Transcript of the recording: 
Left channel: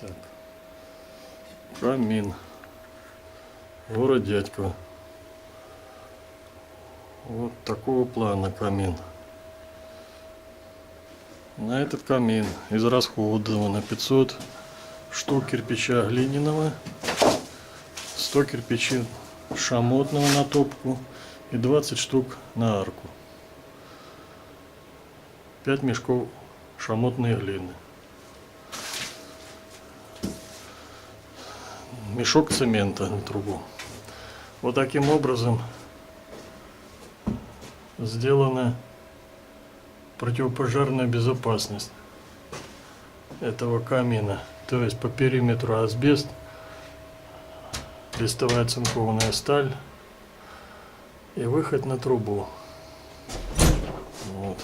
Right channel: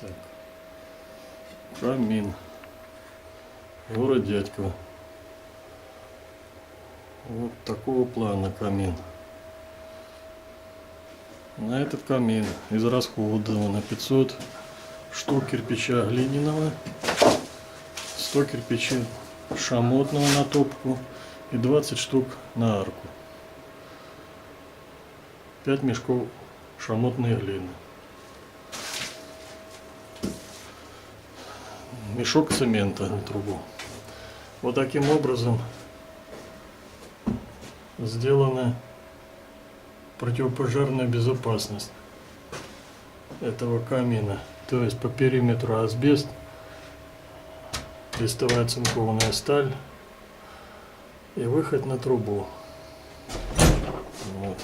Так. Камин. Город Дядьково. Вот такого плана камин. На этот камин израсходовано 500 штук кирпича глиняного, 100 кирпичей шамотного на топку и 20 штук на арку. 5 мешков шамотной глины. Мешок цемента на трубу. Вот таким образом сделана противопожарная безопасность этого камина. То есть по периметру асбест, листовая цинкованная сталь и выход на трубу. Вот.